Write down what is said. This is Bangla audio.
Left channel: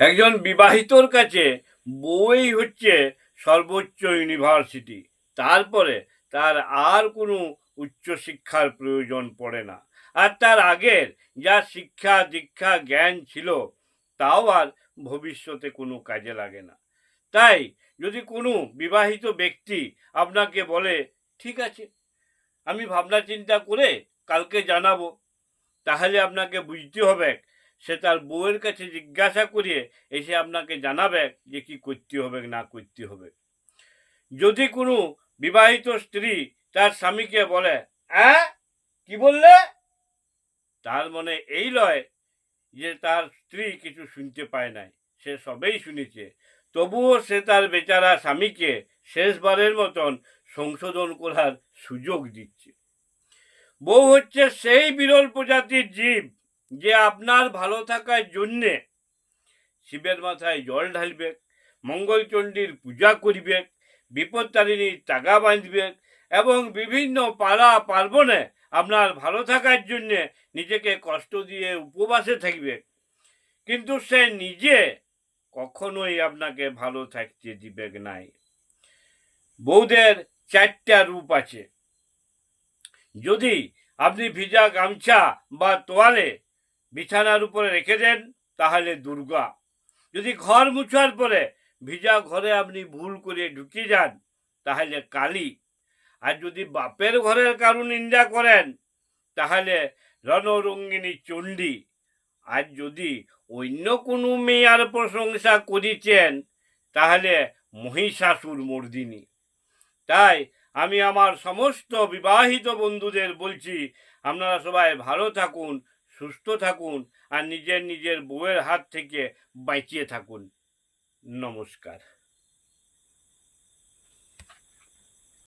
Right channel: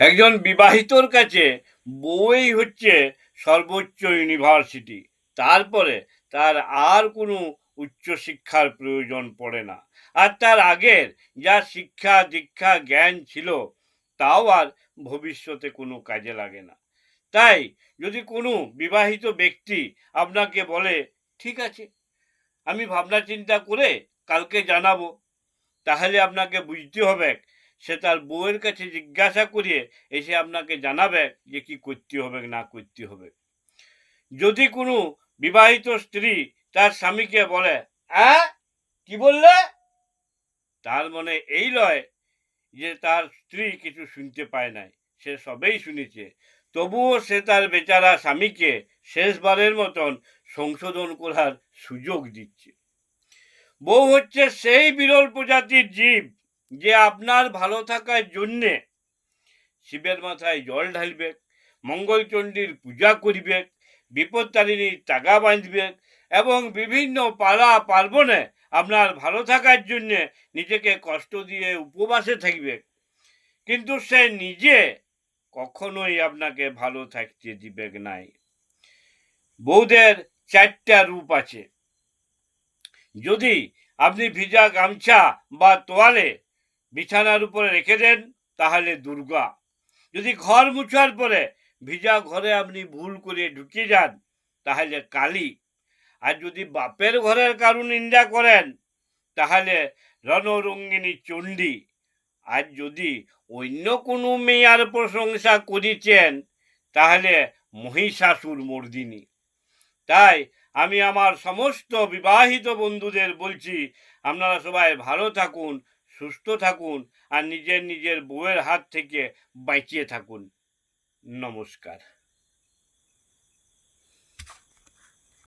একজন বিবাহিতর কাছে বউই হচ্ছে সর্বোচ্চ ইউনিভার্সিটি। তারপরে তার আর কোনো উচ্চশিক্ষার প্রয়োজন পড়ে না। আর তার আগের যা শিক্ষা দীক্ষা জ্ঞান ছিল তাও আর ভবিষ্যতে কোনো কাজে লাগে না। তাই যদি কোনো বিবাহিত ব্যক্তি আপনাকে বলে, ঠিক আছে, আমি ভাবনা চিন্তা করে কালকে জানাবো, তাহলে আপনাকে বুঝতে হবে সে তার বউয়ের কাছে জিজ্ঞাসা করিয়ে এসে আপনাকে জানাবে যে কি করতে হবে না করতে হবে। যদি কোনো বিবাহিত স্ত্রী তার স্বামীকে বলে, কি বললে, তার মনে এই লয় যে তার স্ত্রী কিছু শুনতে পায় নাই, সে সবেই শুনেছে। তবুও সে তার বেচারা স্বামীকে শেষবারের মতন সংশোধন করার সুযোগ দিচ্ছে। বউ হচ্ছে সেই বিরল প্রজাতির জীব যে আপনার ভালো থাকার জন্যে শিবের মাথায় জল ঢালবে, মঙ্গলচণ্ডীর পূজা করবে, বিপত্তারিণীর তাগা বাঁধবে এবং বিভিন্ন পাড়া পার্বণে আপনার ভালো থাকার জন্যে নিজেকে কষ্ট দিয়ে উপবাসে থাকবে। কিন্তু সে নিজে কখনোই আপনাকে ভালো থাকতে দিবে নাই। বউদের চারটা রূপ আছে। যদি আপনি ভিজা গামছা বা তোয়ালে বিছানার উপরে রেখে দেন তাহলে দুর্গা। যদি ঘর মুছার পরে ভিজা ঘরে আপনি ভুল করে ঢুকে যান তাহলে কালী। আর যদি বাপের ঘরের কারু নিন্দা করেন তাহলে রণরঙ্গিনী চণ্ডী। আর যদি অন্য কোনো মেয়ার প্রশংসা করেছেন তাহলে মহিষাসুর মর্দিনী। তাই আমি আমার সমস্ত বিবাহিত বন্ধুদের বলছি, আপনারা সবাই ভালো থাকুন, সুস্থ থাকুন আর নিজের নিজের বউয়ের হাত থেকে বাঁচিয়ে থাকুন। নমস্কার।